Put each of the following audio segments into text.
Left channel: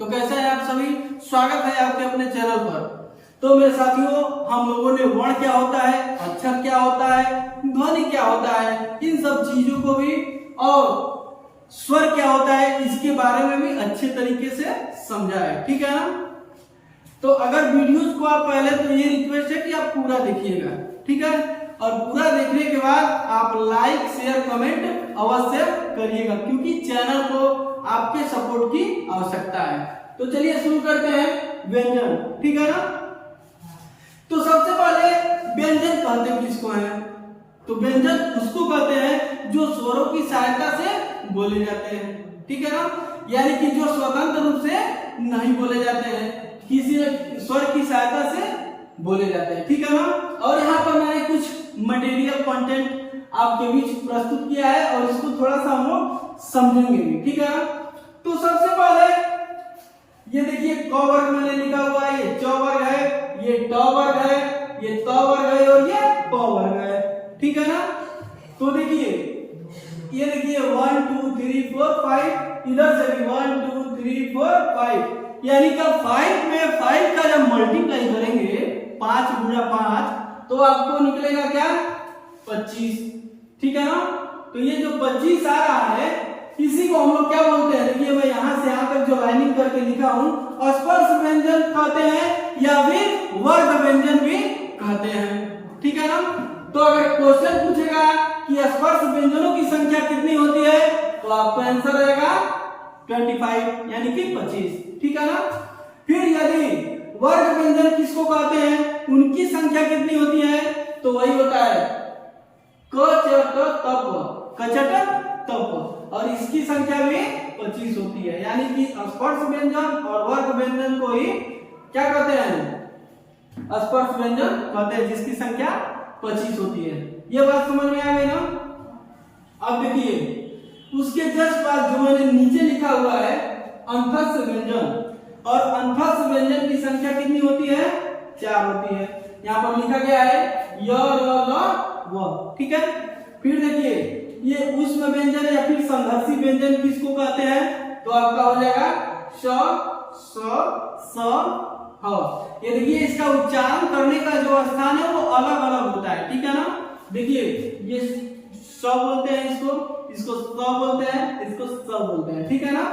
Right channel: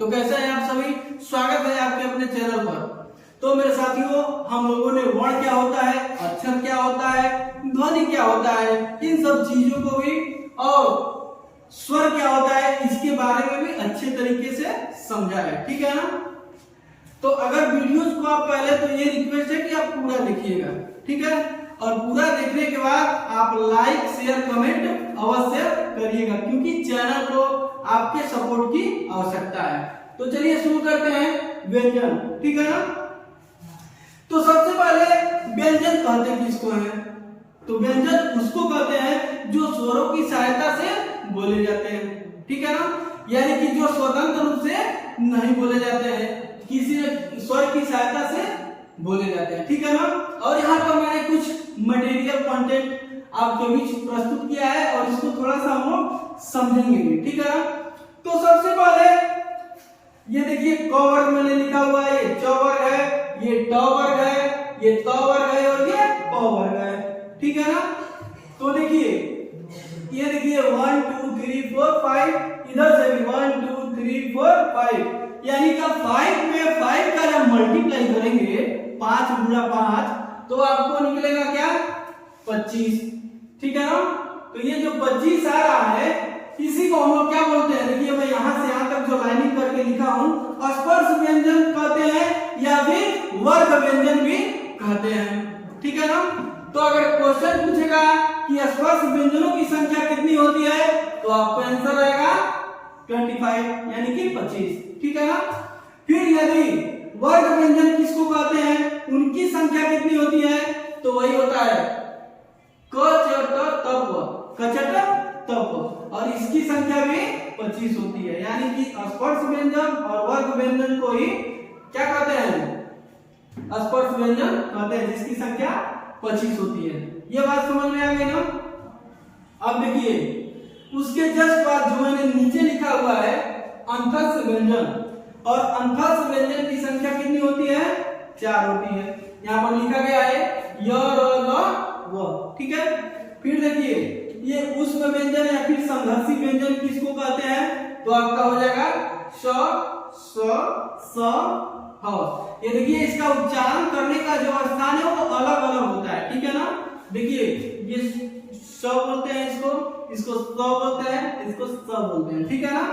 तो कैसे हैं आप सभी? स्वागत है आपके अपने चैनल पर। तो मेरे साथियों, हम लोगों ने वर्ण क्या होता है, अक्षर क्या होता है, ध्वनि क्या होता है, इन सब चीजों को भी और स्वर क्या होता है इसके बारे में भी अच्छे तरीके से समझा है। ठीक है ना? तो अगर वीडियोस को आप पहले तो ये रिक्वेस्ट है कि आप पूरा देखिएगा, ठीक है? और पूरा देखने के बाद आप लाइक शेयर कमेंट अवश्य करिएगा, क्योंकि चैनल को आपके सपोर्ट की आवश्यकता है। तो चलिए शुरू करते हैं व्यंजन। ठीक है ना? तो सबसे पहले व्यंजन कहते हैं किसको है? तो व्यंजन उसको कहते हैं जो स्वरों की सहायता से बोले जाते हैं। ठीक है ना? यानी कि जो स्वतंत्र रूप से नहीं बोले जाते हैं, किसी स्वर की सहायता से बोले जाते हैं। ठीक है ना? और यहाँ पर मैंने कुछ मटेरियल कंटेंट आपके बीच प्रस्तुत किया है और इसको थोड़ा सा हम लोग समझेंगे भी। ठीक है? तो सबसे पहले ये देखिए क वर्ग मैंने लिखा हुआ है, ये च वर्ग है, ये ट वर्ग है, ये त वर्ग है और ये प वर्ग है। ठीक है ना? तो देखिए ये देखिए 1 2 3 4 5, इधर से भी 1 2 3 4 5, यानी कि 5 में 5 का जब मल्टीप्लाई करेंगे 5 गुणा 5 तो आपको निकलेगा क्या? 25। ठीक है ना? तो ये जो 25 आ रहा है इसी को हम लोग क्या बोलते हैं? देखिए मैं यहां से यहां तक जो लाइनिंग करके लिखा हूं, स्पर्श व्यंजन कहते हैं या फिर वर्ग व्यंजन भी कहते हैं। ठीक है ना? तो अगर क्वेश्चन पूछेगा कि स्पर्श व्यंजनों की संख्या कितनी होती है तो आपका आंसर रहेगा 25 यानी कि 25। ठीक है ना? फिर यदि वर्ग व्यंजन किसको कहते हैं, उनकी संख्या कितनी होती है तो वही होता है कचट तप, कचट तप, और इसकी संख्या भी 25 होती है। यानी कि स्पर्श व्यंजन और वर्ग व्यंजन को ही क्या कहते हैं? स्पर्श व्यंजन कहते हैं, जिसकी संख्या 25 होती है। ये बात समझ में आ गई ना? अब देखिए उसके जस्ट बाद जो मैंने नीचे लिखा हुआ है अंतस्थ व्यंजन, और अंतस्थ व्यंजन की संख्या कितनी होती है? 4 होती है। यहाँ पर लिखा गया है य र ल व। ठीक है? फिर देखिए ये ऊष्म व्यंजन या फिर संघर्षी व्यंजन किसको कहते हैं तो आपका हो जाएगा श स स ह। ये देखिए इसका उच्चारण करने का जो स्थान है वो अलग अलग होता है। ठीक है ना? देखिए ये स बोलते हैं इसको, इसको स बोलते हैं, इसको स बोलते हैं। ठीक है ना?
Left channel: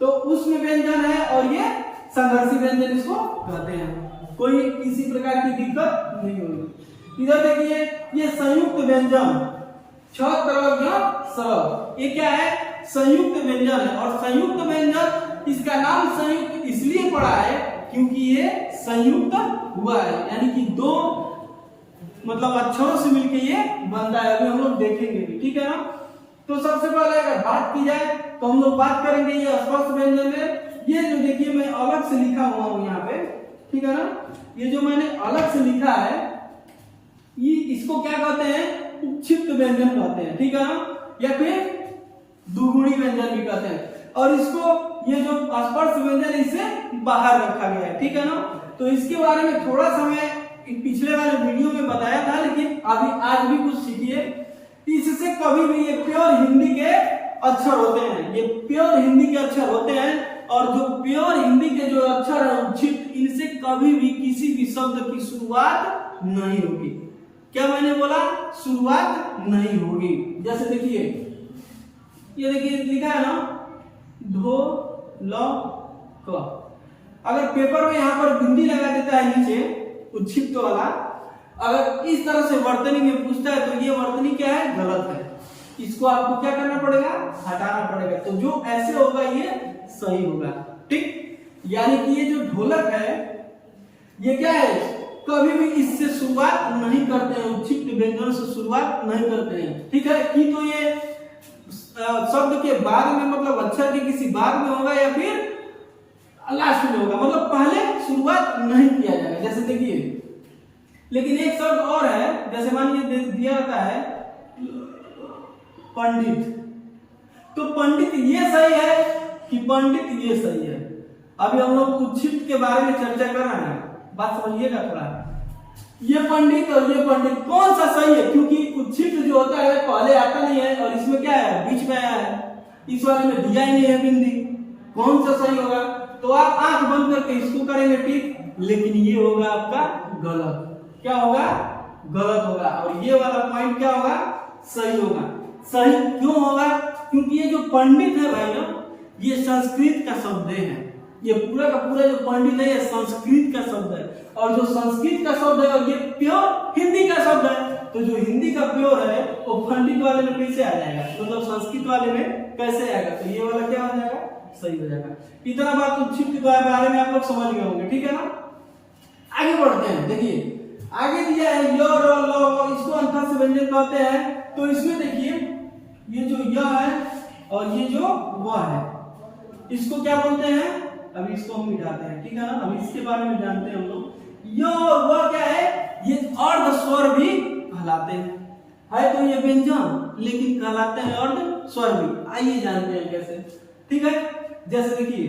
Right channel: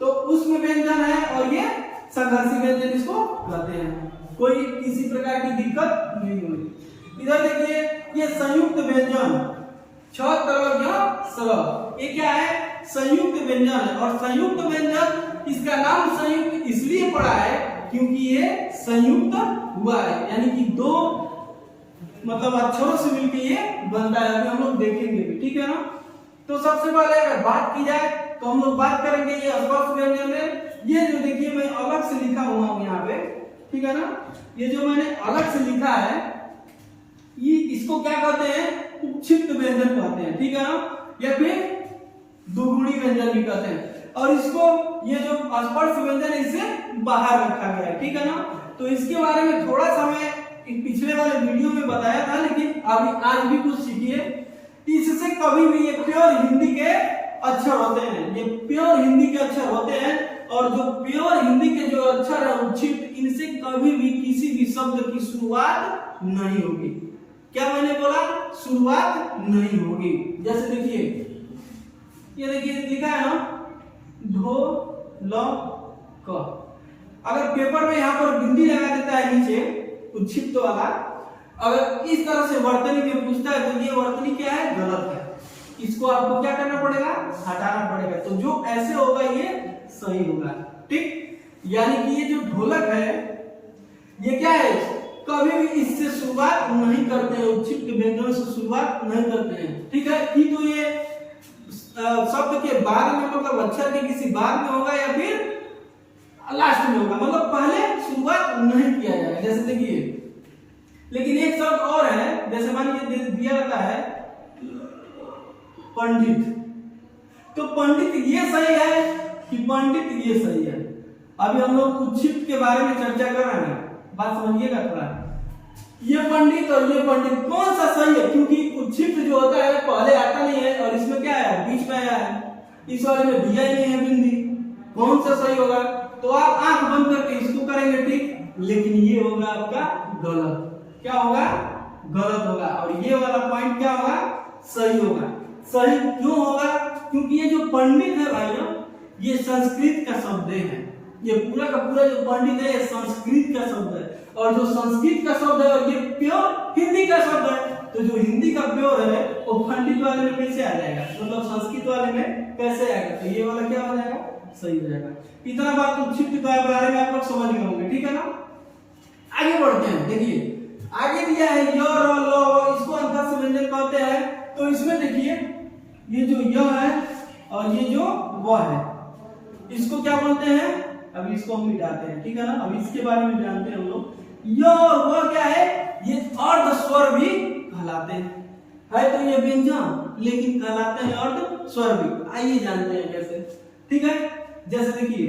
तो ऊष्म व्यंजन है और ये संघर्षी व्यंजन इसको कहते हैं। कोई किसी प्रकार की दिक्कत नहीं होगी। इधर देखिए ये संयुक्त व्यंजन छ तरह सरल, ये क्या है? संयुक्त व्यंजन है। और संयुक्त व्यंजन इसका नाम संयुक्त इसलिए पड़ा है क्योंकि ये संयुक्त हुआ है, यानी कि दो मतलब अक्षरों से मिलकर ये बनता है। अभी हम लोग देखेंगे भी। ठीक है ना? तो सबसे पहले अगर बात की जाए तो हम लोग बात करेंगे ये स्पर्श व्यंजन में। ये जो देखिए मैं अलग से लिखा हुआ हूं यहाँ पे, ठीक है ना? ये जो मैंने अलग से लिखा है ये इसको क्या कहते हैं? उपक्षिप्त व्यंजन कहते हैं। ठीक है ना? या फिर दुगुणी व्यंजन भी कहते हैं। और इसको ये जो स्पर्श व्यंजन है इसे बाहर रखा गया है। ठीक है ना? तो इसके बारे में थोड़ा सा मैं पिछले वाले वीडियो में बताया था, लेकिन अभी आज भी कुछ सीखिए। इससे कभी भी ये प्योर हिंदी के अक्षर होते हैं, ये प्योर हिंदी के अक्षर होते हैं। और जो प्योर हिंदी के जो अक्षर है उपक्षिप्त, इनसे कभी भी किसी भी शब्द की शुरुआत नहीं होगी। क्या मैंने बोला? शुरुआत नहीं होगी। जैसे देखिए ये देखिए लिखा है ना ढो ल क। अगर पेपर में यहाँ पर बिंदी लगा देता है नीचे उच्छिप्त वाला, अगर इस तरह से वर्तनी में पूछता है तो ये वर्तनी क्या है? गलत है। इसको आपको क्या करना पड़ेगा? हटाना पड़ेगा। तो जो ऐसे होगा ये सही होगा। ठीक? यानी कि ये जो ढोलक है ये क्या है? कभी भी इससे शुरुआत नहीं करते हैं, उपक्षिप्त व्यंजन से शुरुआत नहीं करते हैं। ठीक है? कि तो ये शब्द के बाद में मतलब अक्षर के किसी बाद में होगा या फिर लास्ट में होगा, मतलब पहले शुरुआत नहीं किया जाएगा। जैसे देखिए लेकिन एक शब्द और है, जैसे मान लीजिए दिया जाता है पंडित, तो पंडित ये सही है कि पंडित ये सही है? अभी हम लोग उपक्षिप्त के बारे में चर्चा कर रहे हैं, बात समझिएगा थोड़ा। ये पंडित और ये पंडित कौन सा सही है? क्योंकि उपक्षिप्त जो होता है पहले आता नहीं है और इसमें क्या है? बीच में आया है। इस वाले में दिया ही नहीं है बिंदी, कौन सा सही होगा? तो आप आंख बंद करके इसको करेंगे ठीक, लेकिन ये होगा आपका गलत। क्या होगा? गलत होगा। और ये वाला पॉइंट क्या होगा? सही होगा। सही क्यों होगा? क्योंकि ये जो पंडित है भाई ना, ये संस्कृत का शब्द है। ये पूरा का पूरा जो पंडित है ये संस्कृत का शब्द है, और जो संस्कृत का शब्द है और ये प्योर हिंदी का शब्द है। तो जो हिंदी का प्योर है वो पंडित वाले में कैसे आ जाएगा, मतलब संस्कृत वाले में कैसे आएगा? तो ये वाला क्या हो जाएगा? सही हो जाएगा। इतना बात संक्षिप्त के बारे में आप लोग समझ गए होंगे, ठीक है ना? आगे बढ़ते हैं। देखिए आगे दिया है य र ल, इसको अंतर से व्यंजन कहते हैं। तो इसमें देखिए ये जो य है और ये जो व है, इसको क्या बोलते हैं? अभी इसको हम मिटाते हैं, ठीक है ना? अभी इसके बारे में जानते हैं हम लोग। य और व क्या है? ये अर्ध स्वर भी कहलाते हैं। है तो ये व्यंजन, लेकिन कहलाते हैं अर्ध स्वर भी। आइए जानते हैं कैसे, ठीक है? जैसे देखिए,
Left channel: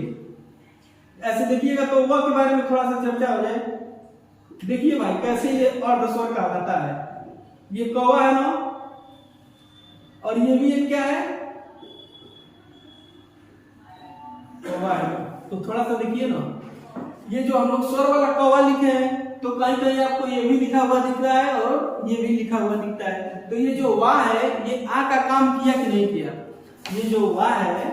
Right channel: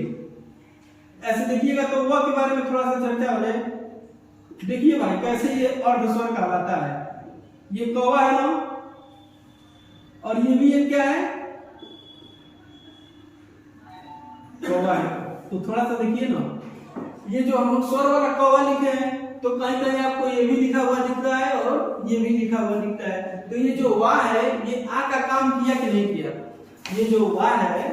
ऐसे देखिएगा तो व के बारे में थोड़ा सा चर्चा हो जाए। देखिए भाई कैसे ये अर्ध स्वर कहलाता है। ये कौवा है ना, और ये भी एक क्या है? कौवा है। तो थोड़ा सा देखिए ना, ये जो हम लोग स्वर वाला कौवा लिखे हैं, तो कहीं कहीं आपको ये भी लिखा हुआ दिख रहा है और ये भी लिखा हुआ दिखता है। तो ये जो वा है ये आ का काम किया कि नहीं किया? ये जो वा है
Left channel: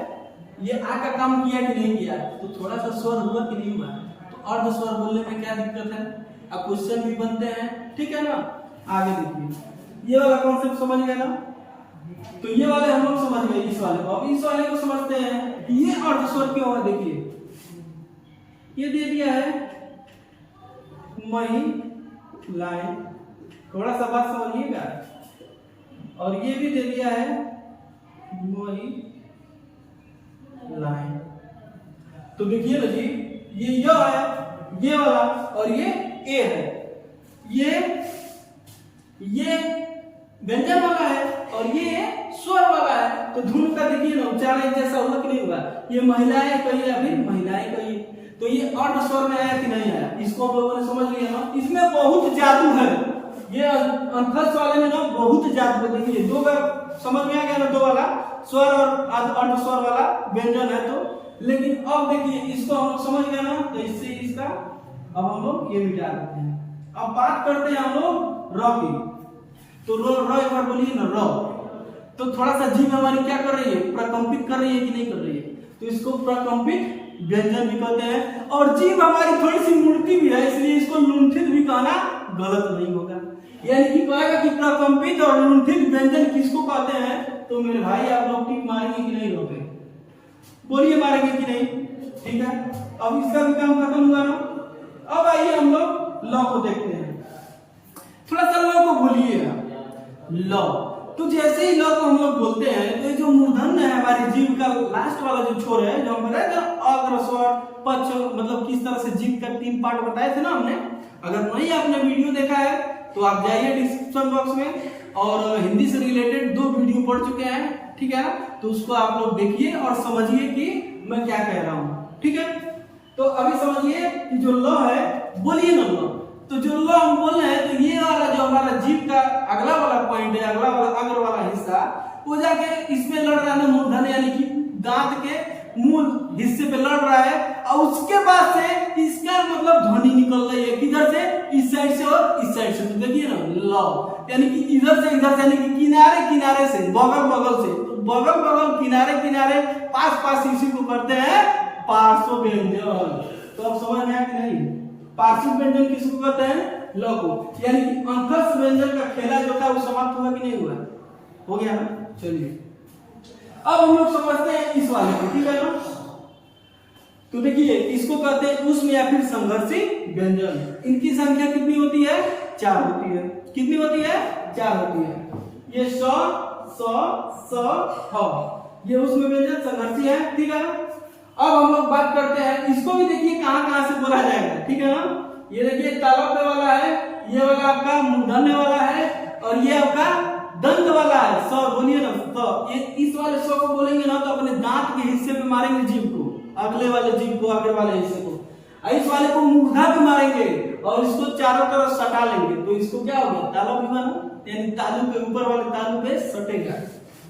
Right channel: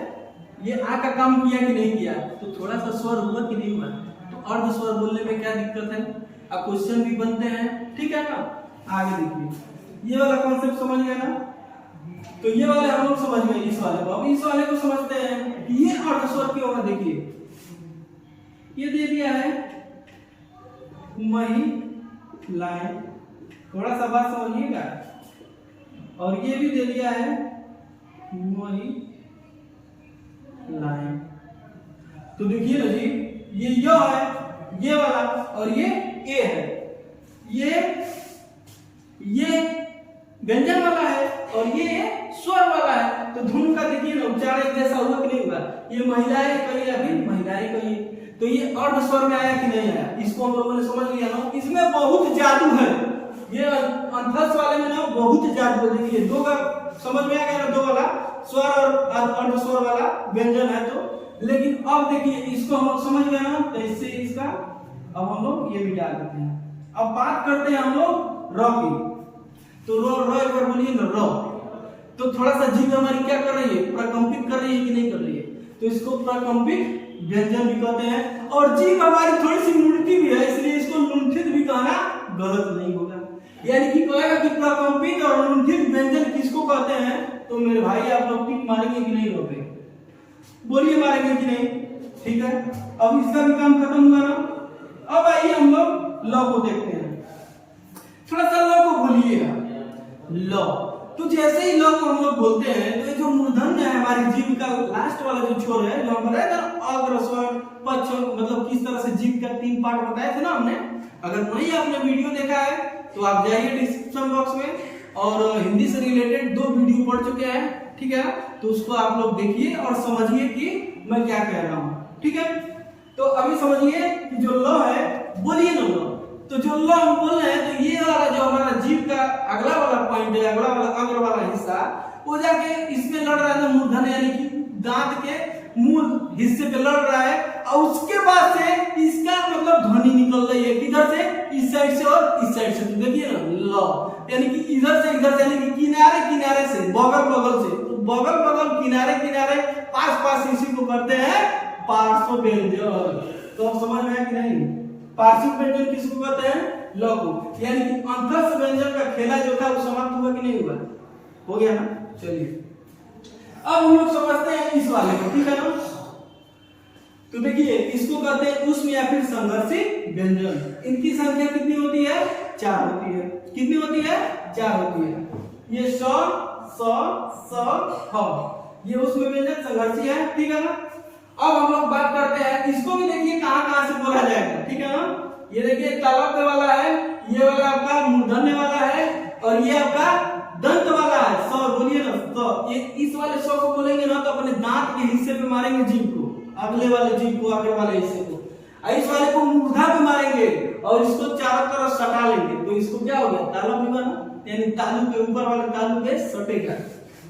ये आ का काम किया कि नहीं किया? तो थोड़ा सा स्वर हुआ कि नहीं हुआ? तो अर्ध स्वर बोलने में क्या दिक्कत है? अब क्वेश्चन भी बनते हैं, ठीक है ना? आगे देखिए, ये वाला कॉन्सेप्ट समझ गए ना? तो ये वाले हम लोग समझ गए इस वाले को। अब इस वाले को समझते हैं, ये अर्ध स्वर क्यों है? देखिए ये दे दिया है मही लाइन, थोड़ा सा बात समझिएगा, और ये भी दे दिया है मही लाइन। तो देखिए ना जी, ये य है ये वाला, और ये ए है, ये व्यंजन वाला है और ये स्वर वाला है। तो धुन का देखिए ना उच्चारण एक जैसा हुआ कि नहीं हुआ? ये महिलाएं कहिए, अभी महिलाएं कहिए, तो ये अर्ध स्वर में आया कि नहीं आया? इसको हम लोगों ने समझ लिया ना। इसमें बहुत जादू है, ये अंतस वाले में ना बहुत जादू है। देखिए दो का समझ में आ गया ना, दो वाला स्वर और अर्ध स्वर वाला व्यंजन है। तो लेकिन अब देखिए इसको हम लोग समझ गए ना, तो इससे इसका अब हम लोग ये मिटा देते हैं। अब बात करते हैं हम लोग र की। तो र एक बार बोलिए ना, र। तो थोड़ा सा जीभ हमारी क्या कर रही है? प्रकंपित कर रही है कि नहीं कर रही है? तो इसको प्रकंपित व्यंजन भी कहते हैं। और जीभ हमारी थोड़ी सी मुड़ती भी है, इसलिए इसको लुंठित भी कहना गलत नहीं होगा। यानी कि कहेगा कि प्रकंपित और लुंठित व्यंजन किसको कहते हैं? तो मेरे भाई आप लोग टिक मारेंगे कि नहीं? रोपे बोलिए, मारेंगे कि नहीं? ठीक है, अब इसका भी काम खत्म हुआ ना। अब आइए हम लोग ल को देखते हैं। थोड़ा सा ल को बोलिएगा, ल। तो जैसे ही ल को हम लोग बोलते हैं, तो ये जो मूर्धन्य है हमारी जीभ का लास्ट वाला जो छोर है, जो हम बताए थे अग्र स्वर पक्ष, मतलब किस तरह से जीभ का 3 पार्ट बताए थे ना हमने। अगर नहीं आपने वीडियो देखा है तो आप जाइए डिस्क्रिप्शन बॉक्स में, और हिंदी से रिलेटेड 2 वीडियो पढ़ चुके हैं, ठीक है ना? तो उसको आप लोग देखिए और समझिए कि मैं क्या कह रहा हूँ, ठीक है? तो अभी समझिए कि जो ल है, बोलिए ना ल। तो जो ल हम बोल रहे हैं, तो ये वाला जो हमारा जीभ का अगला वाला पॉइंट है, अगला वाला अग्र वाला हिस्सा, वो जाके इसमें लड़ रहा है मूर्धन्य, यानी कि दांत के मूल हिस्से पे लड़ रहा है। और उसके बाद से इसका मतलब ध्वनि निकल रही है, किधर से? इस साइड से और इस साइड से। तो देखिए ना ल, यानी कि इधर से इधर से, यानी कि किनारे किनारे से, बगल बगल से। तो बगल बगल किनारे किनारे पास पास इसी को करते हैं पार्श्व व्यंजन। तो अब समझ में आया कि नहीं? पार्श्व व्यंजन किसको कहते हैं? ल को। यानी कि अंतस्थ व्यंजन का खेला जो था वो समाप्त हुआ कि नहीं हुआ? हो गया ना? चलिए अब हम लोग समझते हैं इस वाले को, ठीक है ना? तो देखिए इसको कहते हैं ऊष्म या फिर संघर्षी व्यंजन। इनकी संख्या कितनी होती है? 4 होती है। कितनी होती है? 4 होती है। ये स, स, ह, ये ऊष्म व्यंजन संघर्षी है, ठीक है ना? अब हम लोग बात करते हैं, इसको भी देखिए कहां कहां से बोला जाएगा, ठीक है ना? ये देखिए तालव्य वाला है, ये वाला आपका मूर्धन्य वाला है, और ये आपका दंत वाला है। स बोलिए ना, स। ये इस वाले स को बोलेंगे ना तो अपने दांत के हिस्से पे मारेंगे जीभ को, अगले वाले जीभ को, आगे वाले हिस्से को। इस वाले को मूर्धा भी मारेंगे और इसको चारों तरफ सटा लेंगे। तो इसको क्या हो गया? तालव्य हुआ ना, यानी तालु के ऊपर वाले तालु पे सटेगा,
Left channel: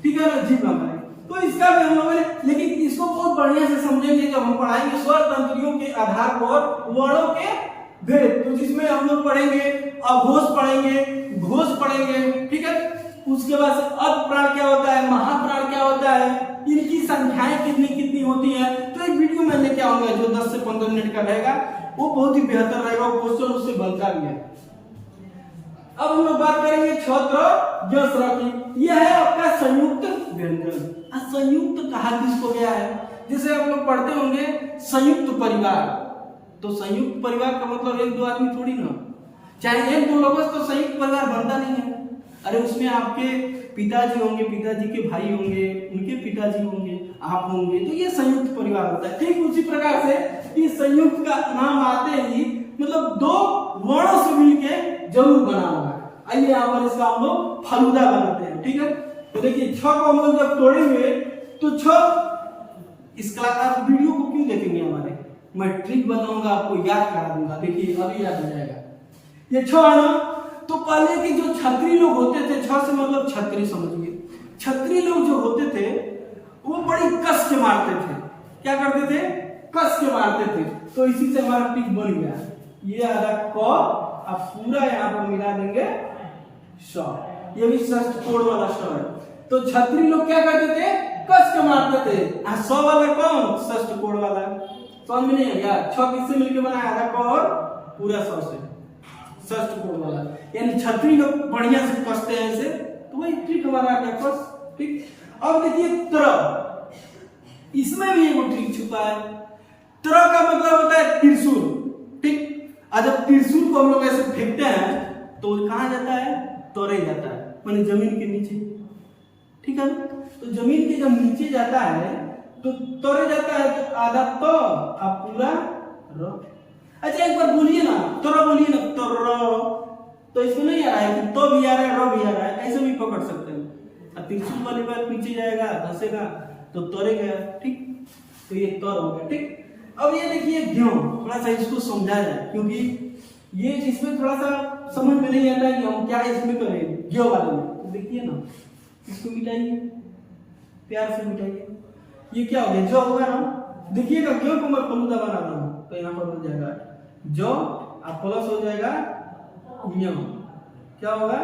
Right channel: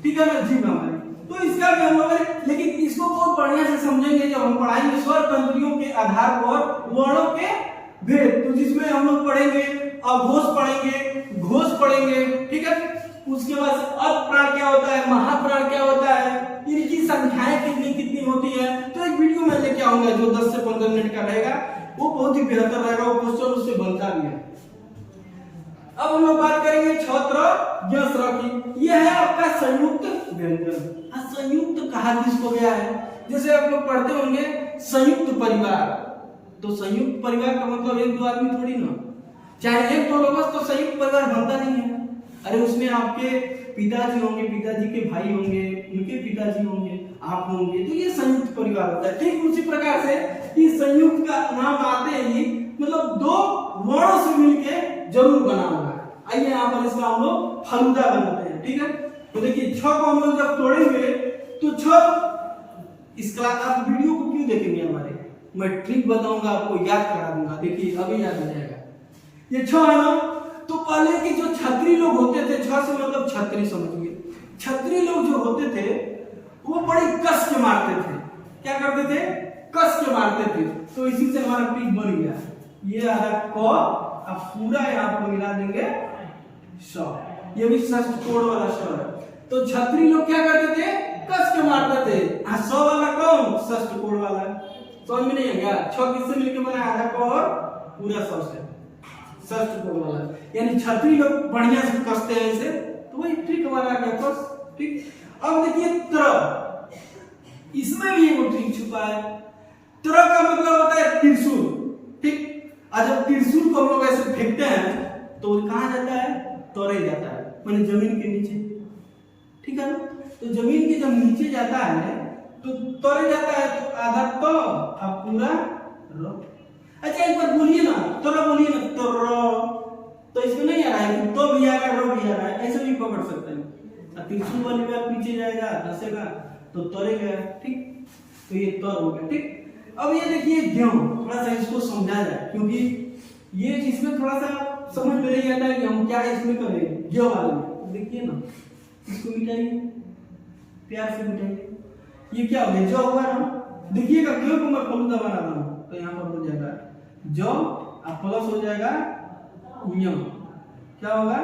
ठीक है ना? जीभ हमारी। तो इसका भी हम लोग, लेकिन इसको बहुत बढ़िया से समझेंगे जब हम पढ़ाएंगे स्वर तंत्रियों के आधार पर वर्णों के भेद, तो जिसमें हम लोग पढ़ेंगे अघोष पढ़ेंगे, घोष पढ़ेंगे, ठीक है। उसके बाद अपप्राण क्या होता है, महाप्राण क्या होता है, इनकी संख्याएं कितनी कितनी होती है। तो एक वीडियो मैं लेके आऊंगा जो 10 से 15 मिनट का रहेगा, वो बहुत ही बेहतर रहेगा, वो क्वेश्चन उससे बनता भी है। अब हम लोग बात करेंगे छत्र जस्र की। यह है आपका संयुक्त व्यंजन। संयुक्त कहा किसको गया है, जैसे आप लोग पढ़ते होंगे संयुक्त परिवार, तो संयुक्त परिवार का मतलब एक दो आदमी थोड़ी ना, चाहे एक दो लोगों से तो संयुक्त परिवार बनता नहीं है। अरे उसमें आपके पिताजी होंगे, पिताजी के भाई होंगे, उनके पिताजी होंगे, आप होंगे, तो ये संयुक्त परिवार होता है। ठीक उसी प्रकार से इस संयुक्त का नाम आते ही मतलब दो वर्णों से मिलके जरूर बना हुआ है। आइए यहाँ पर इसका हम लोग फालूदा बनाते हैं, ठीक है। तो देखिए छ को हम लोग जब तोड़ेंगे तो छ, इस क्लास आप वीडियो को क्यों देखेंगे हमारे, मैं ट्रिक बताऊंगा आपको, याद करा दूंगा, देखिए अभी याद आ जाएगा। ये छ है ना, तो पहले के जो छत्री लोग होते थे, छ से मतलब छत्री समझिए, छत्री लोग जो होते थे वो बड़ी कस के मारते थे। क्या करते थे, कस के मारते थे। तो इसी से हमारा ट्रिक बन गया। ये आ रहा क, अब पूरा यहाँ पर मिला देंगे स, ये भी षष्ठ कोण वाला स है। तो छत्री लोग क्या करते थे, कस के मारते थे। स वाला कौन, षष्ठ कोण वाला, समझ में नहीं आ गया। छ किससे मिलकर बना, आधा क और पूरा स से, षष्ठ कोण वाला, यानी छत्री लोग बढ़िया से कसते हैं इसे, तो वही ट्रिक हमारा आ गया कस, ठीक। अब देखिए त्र, इसमें भी एक ट्रिक छुपा है। त्र का मतलब होता है त्रिशूल, ठीक। और जब त्रिशूल को हम लोग ऐसे फेंकते हैं तो कहाँ जाता है, तोड़े जाता है, माने जमीन के नीचे, ठीक है ना। तो जमीन के जब नीचे जाता है तो तोड़े जाता है, तो आधा तो अब पूरा रो। अच्छा एक बार बोलिए ना, तोरो बोलिए ना, तोरो, तो इसमें नहीं आ रहा है कि तो भी आ रहा है, रो भी आ रहा है, ऐसे भी पकड़ सकते हैं। अब त्रिशूल वाली बात पीछे जाएगा, धसेगा तो तोड़े गया, ठीक। तो ये तोड़ हो गया, ठीक। अब ये देखिए ज्ञ, थोड़ा सा इसको समझा जाए, क्योंकि ये इसमें थोड़ा सा समझ में नहीं आता है कि हम क्या इसमें करें। ज्ञ वाले में देखिए ना, इसको मिटाइए, प्यार से मिटाइए। ये क्या हो गया, जो होगा ना, देखिएगा ज्ञ को मैं फलूदा बना रहा हूं, तो यहाँ पर हो जाएगा जो, अब प्लस हो जाएगा य, क्या होगा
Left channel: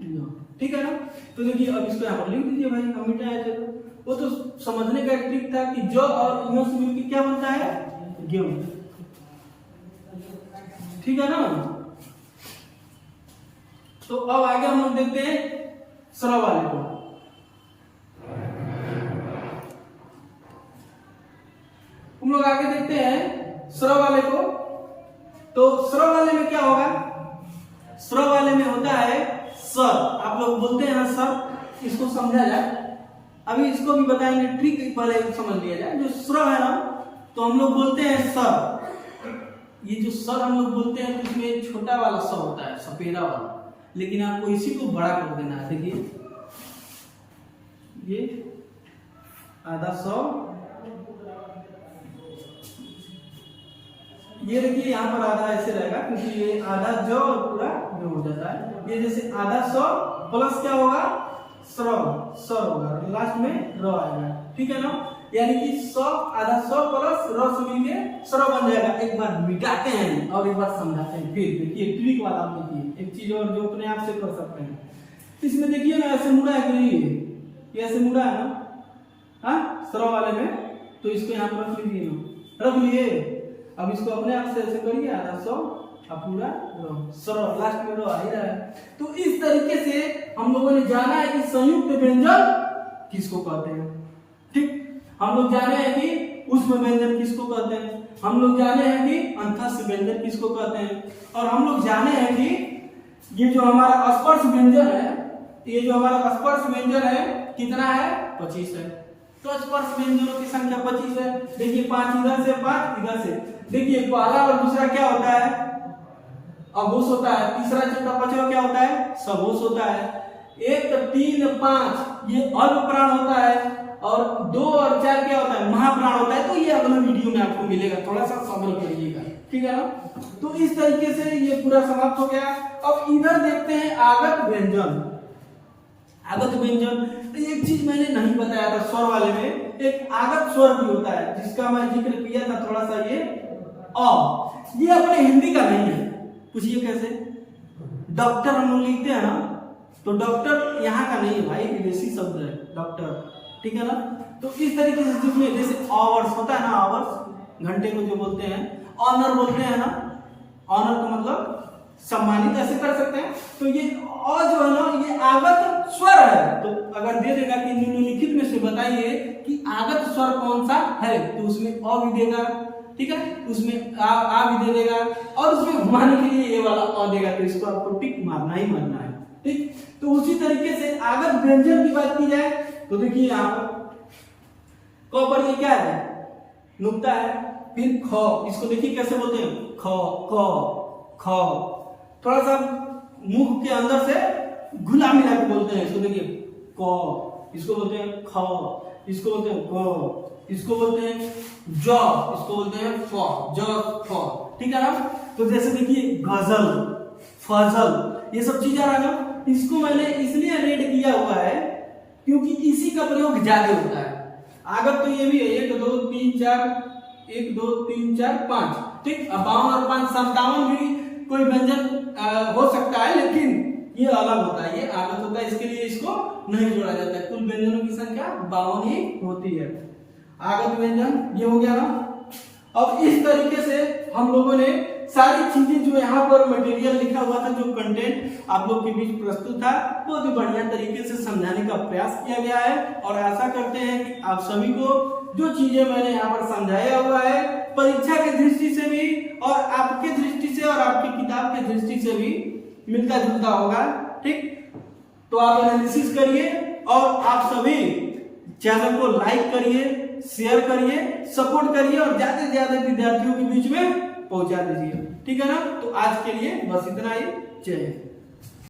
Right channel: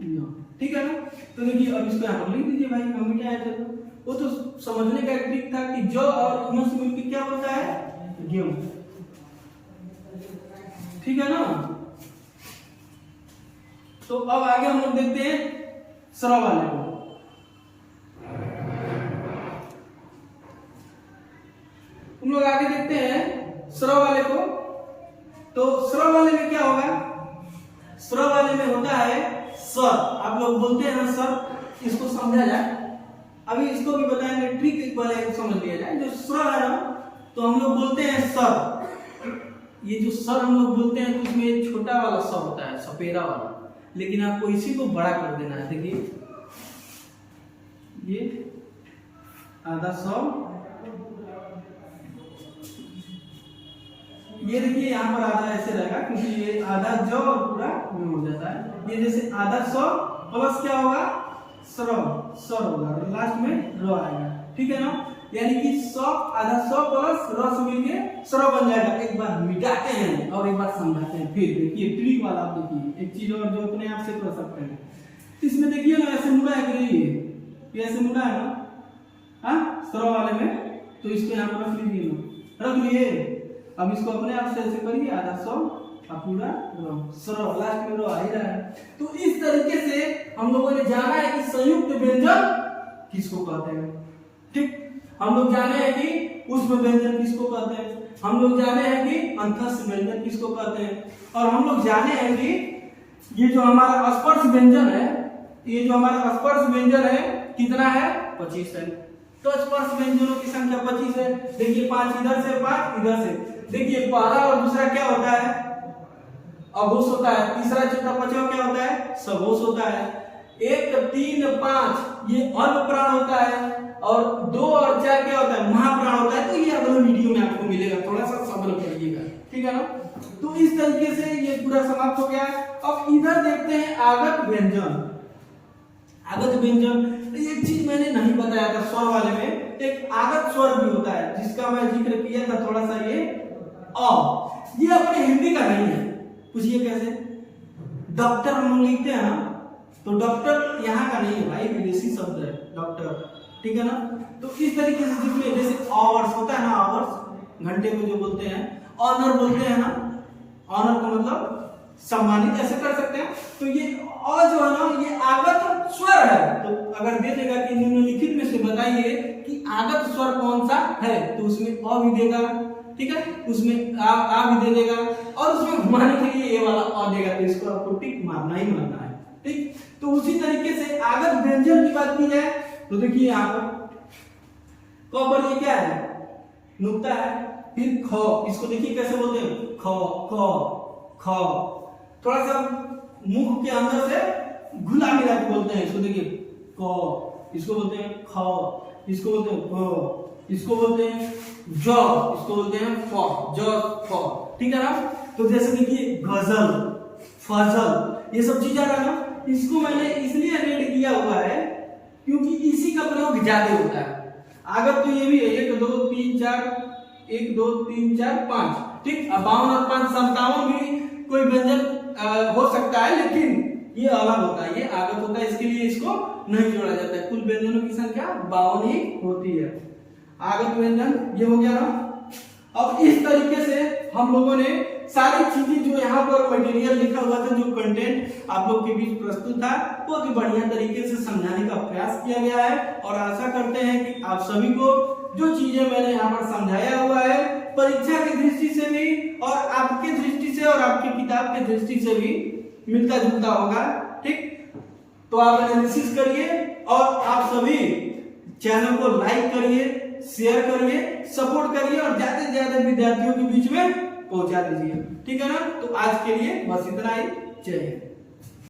य, ठीक है ना। तो देखिए अब इसको यहाँ पर लिख दीजिए भाई, हम मिटाए थे तो वो तो समझने का एक ट्रिक था कि जो और य से मिलकर क्या बनता है, ज्ञ, ठीक है ना। तो अब आगे हम लोग देखते हैं स्र वाले को। हम लोग आगे देखते हैं स्र वाले को। तो स्र वाले में क्या होगा, स्र वाले में होता है सर, आप लोग बोलते हैं ना सर, इसको समझा जाए। अभी इसको भी बताएंगे, ट्रिक एक बार समझ लिया जाए। जो स्र है ना, तो हम लोग बोलते हैं सर, ये जो सर हम लोग बोलते हैं तो उसमें छोटा वाला स होता है, सपेरा वाला, लेकिन आपको इसी को बड़ा कर देना है। देखिए ये आधा स, ये देखिए यहाँ पर आधा ऐसे रहेगा, क्योंकि ये आधा ज और पूरा ये हो जाता है। ये जैसे आधा स प्लस क्या होगा, स्र, सर होगा, लास्ट में र आएगा, ठीक है ना। यानी कि स, आधा स प्लस र से मिलके स्र बन जाएगा। एक बार मिटाते हैं और एक बार समझाते हैं, फिर देखिए ट्रिक वाला। आप देखिए एक चीज और जो अपने आप से कर सकते हैं, इसमें देखिए ना ऐसे मुड़ा है कि नहीं, ये ऐसे मुड़ा है ना, हाँ स्र वाले में, तो इसको यहाँ पर रख लीजिए ना, रख लिए। अब इसको अपने आप से ऐसे करिए, आधा स और पूरा रो, स्र, लास्ट में रो आ ही रहा है। तो इस तरीके से हम लोगों ने जाना है कि संयुक्त व्यंजन किसको कहते हैं, ठीक। हम लोग जाने हैं कि उष्म व्यंजन किसको कहते हैं, हम लोग जाने हैं कि अंतस्थ व्यंजन किसको कहते हैं, और हम लोग जाने हैं कि ये जो हमारा स्पर्श व्यंजन है, ये जो हमारा स्पर्श व्यंजन है कितना है, 25 है। तो स्पर्श व्यंजनों की संख्या 25 है। देखिए 5 इधर से, 5 इधर से। देखिए पहला और दूसरा क्या होता है, अघोष होता है। तीसरा चौथा पांचवा क्या होता है, सघोष होता है। 1 3 5 ये अल्प प्राण होता है, और 2 और 4 क्या होता है, महाप्राण होता है। तो ये अगले वीडियो में आपको मिलेगा, थोड़ा सा सब्र करिएगा, ठीक है ना। तो इस तरीके से ये पूरा समाप्त हो गया। अब इधर देखते हैं आगत व्यंजन। आगत व्यंजन, एक चीज मैंने नहीं बताया था स्वर वाले में, एक आगत स्वर भी होता है जिसका मैं जिक्र किया था थोड़ा सा, ये अ। ये अपने हिंदी का नहीं है। पूछिए कैसे? डॉक्टर हम लोग लिखते हैं ना, तो डॉक्टर यहाँ का नहीं है भाई, विदेशी शब्द है डॉक्टर, ठीक है ना। तो इस तरीके से जिसमें जैसे आवर्स होता है ना, आवर्स घंटे को जो बोलते हैं, ऑनर बोलते हैं ना, ऑनर का मतलब सम्मानित ऐसे कर सकते हैं। तो ये अ जो है ना, ये आगत स्वर है। तो अगर दे देगा कि निम्नलिखित में से बताइए कि आगत स्वर कौन सा है, तो उसमें अ भी देगा, ठीक है, उसमें आ भी दे देगा, और उसमें घुमाने के लिए ये वाला अ देगा। तो इसको आपको टिक मारना ही मारना है, ठीक। तो उसी तरीके से आगत व्यंजन की बात की जाए तो देखिए यहाँ पर क पर ये क्या है, नुक्ता है, फिर ख, इसको देखिए कैसे बोलते हैं, ख क ख, थोड़ा सा मुख के अंदर से घुला मिला के बोलते हैं इसको। देखिए क, इसको बोलते हैं ख, इसको बोलते हैं क, इसको बोलते हैं ज, इसको बोलते हैं फ, ज फ, ठीक है ना। तो जैसे देखिए गजल, फजल, ये सब चीज आ रहा है ना। इसको मैंने इसलिए रेड किया हुआ है क्योंकि इसी का प्रयोग ज्यादा होता है। आगत तो ये भी है 1 2 3 4, 1 2 3 4 5, ठीक। अब 52 और 5 57 भी कोई व्यंजन हो सकता है, लेकिन ये अलग होता है, ये आगत होता है, इसके लिए इसको नहीं जोड़ा जाता है। कुल व्यंजनों की संख्या 52 ही होती है। आगत व्यंजन ये हो गया ना। अब इस तरीके से हम लोगों ने सारी चीजें जो यहाँ पर मटेरियल लिखा हुआ था, जो कंटेंट आप लोग के बीच प्रस्तुत था, बहुत ही बढ़िया तरीके से समझाने का प्रयास किया गया है। और आशा करते हैं कि आप सभी को जो चीजें मैंने यहाँ पर समझाया हुआ है, परीक्षा की दृष्टि से भी और आपके दृष्टि से और आपकी किताब के दृष्टि से भी मिलता जुलता होगा, ठीक। तो आप एनालिसिस करिए और आप सभी चैनल को लाइक करिए, शेयर करिए, सपोर्ट करिए और ज्यादा से ज्यादा विद्यार्थियों के बीच में पहुंचा दीजिए, ठीक है ना। तो आज के लिए बस इतना ही। जय हिंद।